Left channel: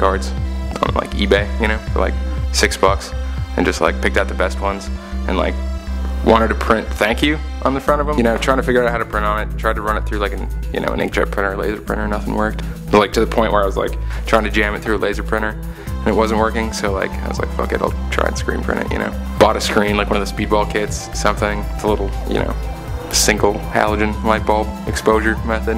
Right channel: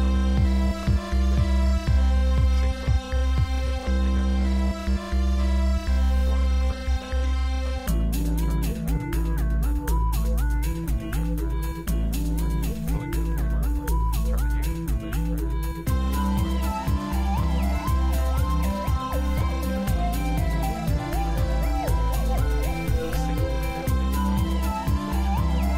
postcards on like eBay, you know, for like $6, and just like picked out the best ones, and like wanted to print thank you on the front of them, you know, trying to figure out how to print on it. Tried to run it through like an inkjet printer, laser printer, nothing worked. But like to the point where I was like trying to jam it through a laser printer and it wasn't working, so like I was like, fuck it, I'll try and screen print it, you know. Bought a screen, like one of the speedball kits, something. It's a little, you know, single halogen light bulb exposure method,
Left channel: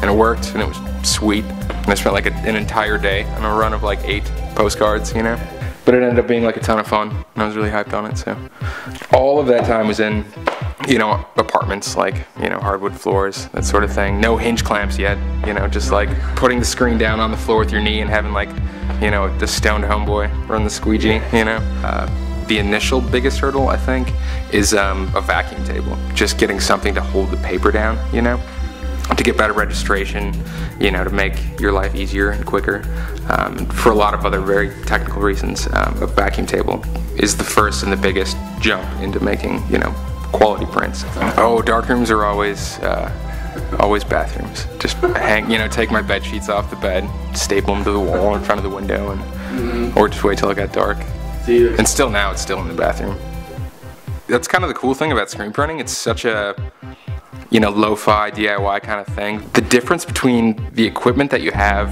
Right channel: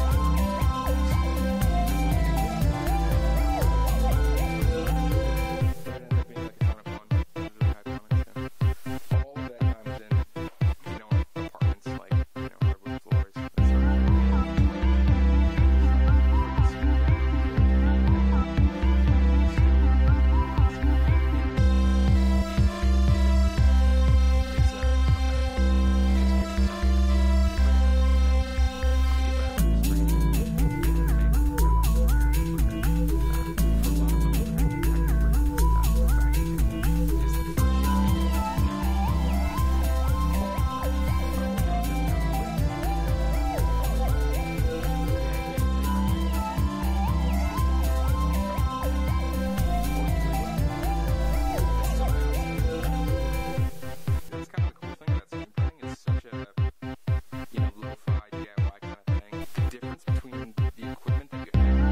and it worked, and it was sweet. And I spent like an entire day on a run of like 8 postcards, you know. But it ended up being like a ton of fun, and I was really hyped on it. So all of that time was in, you know, apartments, like, you know, hardwood floors, that sort of thing. No hinge clamps yet, you know, just like putting the screen down on the floor with your knee and having like, you know, the stoned homeboy run the squeegee, you know. The initial biggest hurdle, I think, is a vacuum table. Just getting something to hold the paper down, you know, to get better registration, you know, to make your life easier and quicker. For a lot of other very technical reasons, a vacuum table is the first and the biggest jump into making, you know, quality prints. Oh, darkrooms are always bathrooms. Just hang, you know, take my bed sheets off the bed, staple them to the wall in front of the window, and or just wait till it got dark. And still now, it's still in the bathroom. That's kind of the cool thing about screen printing. It's such a, you know, lo-fi DIY kind of thing. The difference between the equipment that you have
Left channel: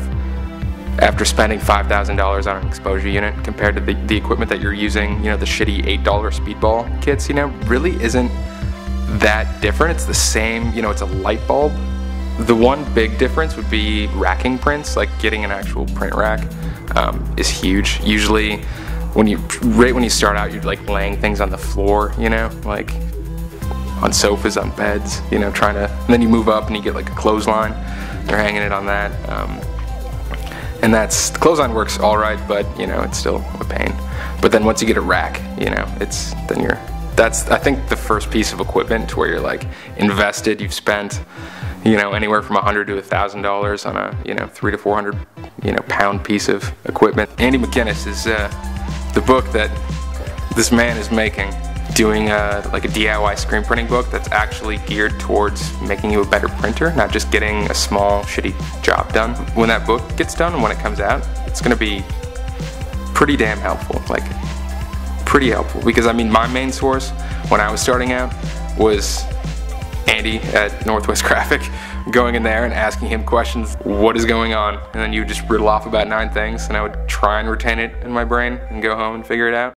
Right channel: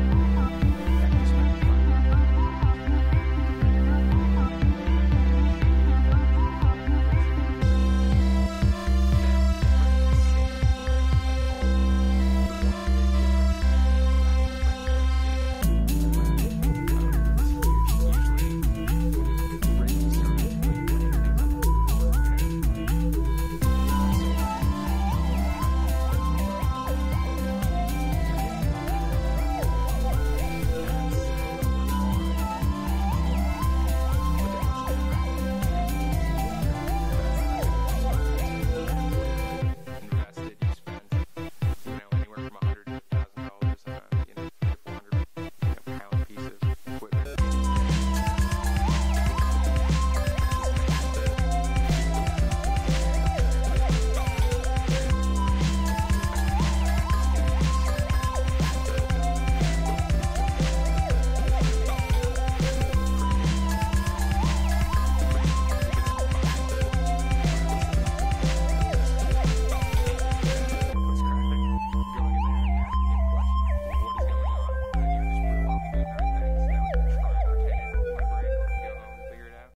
after spending $5,000 on an exposure unit compared to the equipment that you're using, you know, the shitty $8 speedball kits, you know, really isn't that different. It's the same, you know, it's a light bulb. The one big difference would be racking prints, like getting an actual print rack is huge. Usually right when you start out, you're like laying things on the floor, you know, like on sofas, on beds, you know, and then you move up and you get like a clothesline, you're hanging it on that. And the clothesline works all right, but you know, it's still a pain. But then once you get a rack, you know, that's I think the first piece of equipment to where you're like invested. You've spent, you know, anywhere from $100 to $1,000 on a, you know, 300 to 400, you know, pound piece of equipment. Andy McInnes is the book that this man is making, doing like a DIY screen printing book that's actually geared towards making you a better printer, not just getting a small shitty job done. When that book gets done and when it comes out, it's gonna be pretty damn helpful, like pretty helpful. Because I mean, my main source when I was starting out was Andy at Northwest Graphic, going in there and asking him questions, what is going on? And then you just riddle off about 9 things, and I would try and retain it in my brain and go home and figure it out.